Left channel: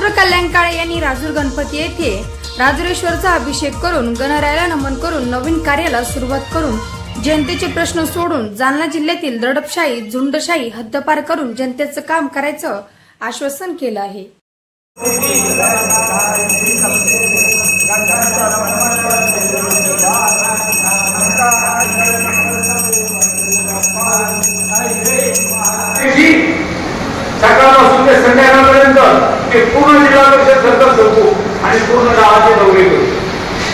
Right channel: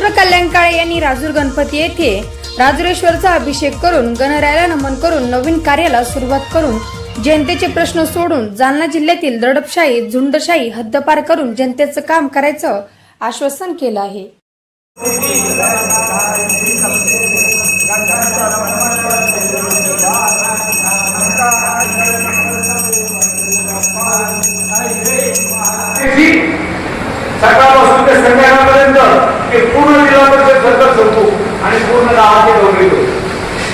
Doctor Kalyan Kale यांनी राजूर गणपती येथे राजुरेश्वरचा अभिषेक करून गणरायाला नमन करून नवीन कार्याला सुरुवात करून जनतेचे प्रश्न सोडून जालना जिल्ह्यातील दडपशाही झुंडशाही हद्दपार करून जनतेचं काम करायचं आश्वासन केलं आहे. सकाळपासून ते संध्याकाळ जिल्हा परिषद आणि पूर्ण गावाचे गौरी करू.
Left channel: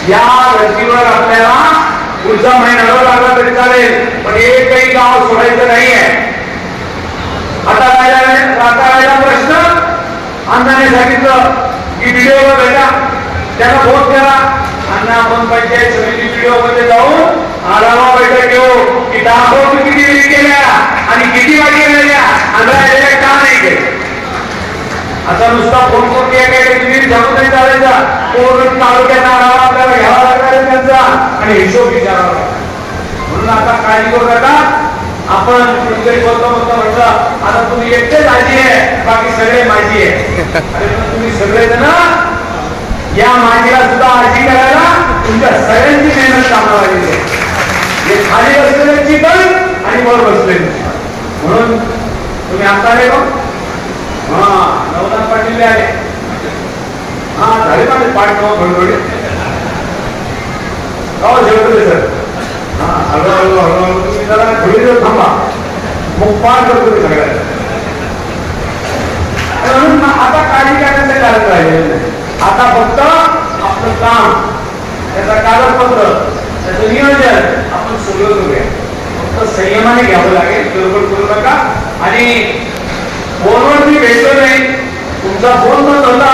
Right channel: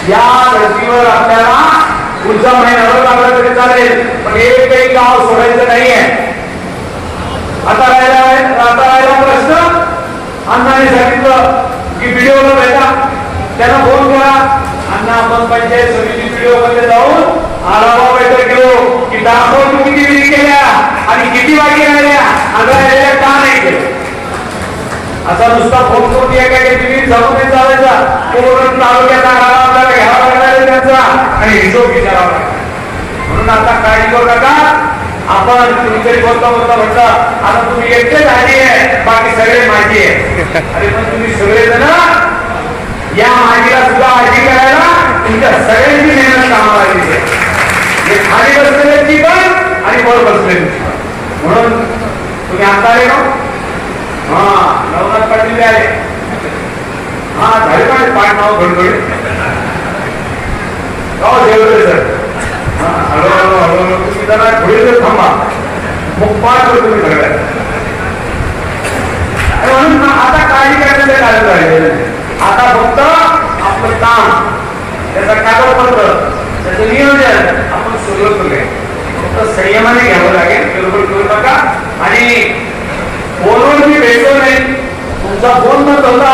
या धर्तीवर आपल्याला पुढचा महिना न लागला तरी चालेल पण एकही गाव सोडायचं नाही आहे आता राहिला आता राहिला प्रश्न. अण्णाने सांगितलं की व्हिडिओ बघायचा त्याला फोन करा. अण्णा आपण पंचायत समिती व्हिडिओमध्ये जाऊन आढावा बैठक घेऊ. की दाखवतो किती विधी केल्या आणि किती वाटी राहिल्या आणि राहिलेल्या का नाही केल्या आता नुसता फोन करून या काय तुम्ही जाणून नाही चालायचा. पूर्ण तालुक्यात आढावा आपल्याला घ्यावा लागणार आहे त्यांचा. आणि हिशोब विचारावा लागणार म्हणून आता काळजी करू नका? आपण कुणीतरी बोलता बोलता म्हटलं आता तुम्ही एकटेच आजी आहे बाकी सगळे माझी आहे. अरे पण तुम्ही सगळे जण या माझीला सुद्धा आजी करायला तुमच्या सगळ्यांची मेहनत कामाला लागली आहे. हे खाली बसलेल्यांची पण आणि वर बसलेली म्हणून तुम्ही आता आले ना हा. नवनाथ पाटील हा झाले माझे पाठ नाव घडघडे हो जेवले सर हा हळू हळू हळू तुम्ही जरा थोडी वेळ थांबा. मग पाठ करतो मी सगळ्या म्हणून आता काळजी करण्याचे कारण आहे आता फक्त आपलं काम त्याचं कागदपत्र त्याचं नियोजन आपण सुरू करूया फक्त संयमाने घ्यावं लागेल गडबड करू नका. आणि फोनवर मी भेटलो नाही. तुमचा फोन न होता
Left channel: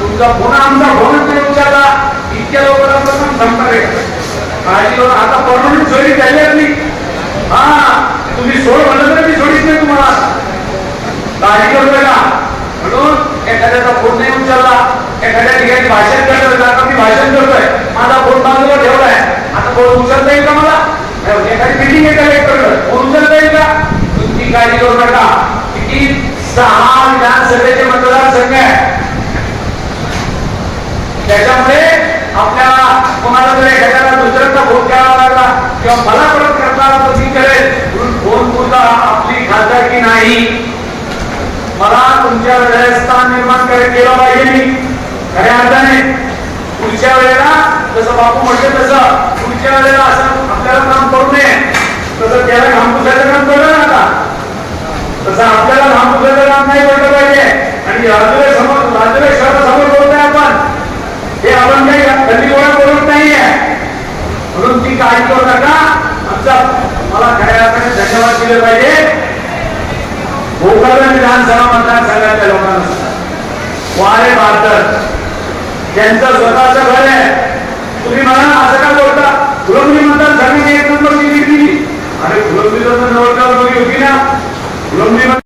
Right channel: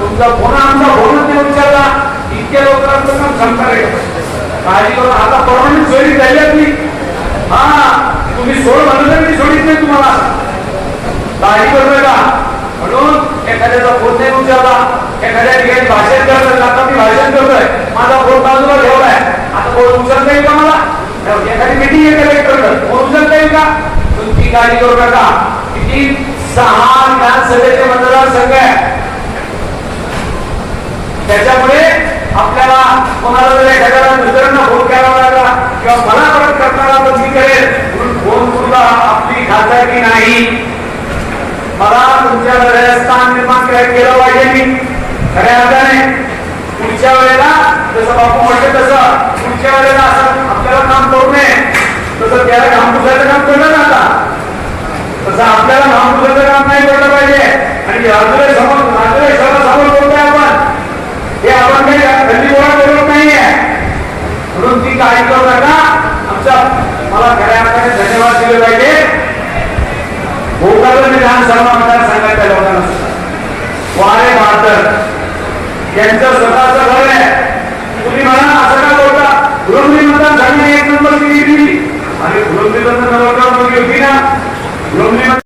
तुमचा फोन आमचा फोनच नाही विचारला इतक्या लवकरात पण क्षमता रे काळजी करून आता परमनंट सोयी झाली आपली. हा तुम्ही सोड म्हणलं तर मी सोडीत नाही तुम्हाला. काळजी करतोय का म्हणून एखाद्याचा फोन नाही उचलला. एखाद्या ठिकाणी भाषण करतोय आता मी भाषण करतोय. माझा फोन बाजूला ठेवलाय. आता फोन उचलता येईल का मला? एखादी मिटिंग आहे कलेक्टर फोन उचलता येईल का? तुमची काळजी करू नका. किती सहा विधानसभेचे मतदारसंघ आहे. त्याच्यामुळे आपल्याला कोणाला जर एखाद्याला दुसऱ्यांना फोन करावा लागला किंवा मला परत करताना तर मी करेल. म्हणून फोन सुद्धा आपली खासदारकी नाही. मला तुमच्या हृदयस्थान निर्माण केलं पाहिजे मी. खऱ्या अर्थाने पुढच्या वेळेला जसं बापू म्हटले तसं पुढच्या वेळेला असं आपल्याला काम करू नये. तसं त्याला काम पुसायचं काम केलं ना आता तसं आपल्याला घाम पुसायचं काम नाही बोललं पाहिजे. आणि राजूला समोर राजूला समोर बोलतोय आपण हे आपण काही गल्ली गोळा बोलत नाहीये. म्हणून ती काळजी करू नका. आमचा मला खऱ्या अर्थाने धन्यवाद दिले पाहिजे. भोपाळ विधानसभा मतदारसंघातल्या लोकांना वारे बहात्तर यांचं स्वतःचं घर आहे. तुम्ही म्हणा असं का बोलता? गृहनिबंधन झाली एक नंबर दिली. आणि गृहनिबंधन फुलंबरी निवडणूक होती ना Los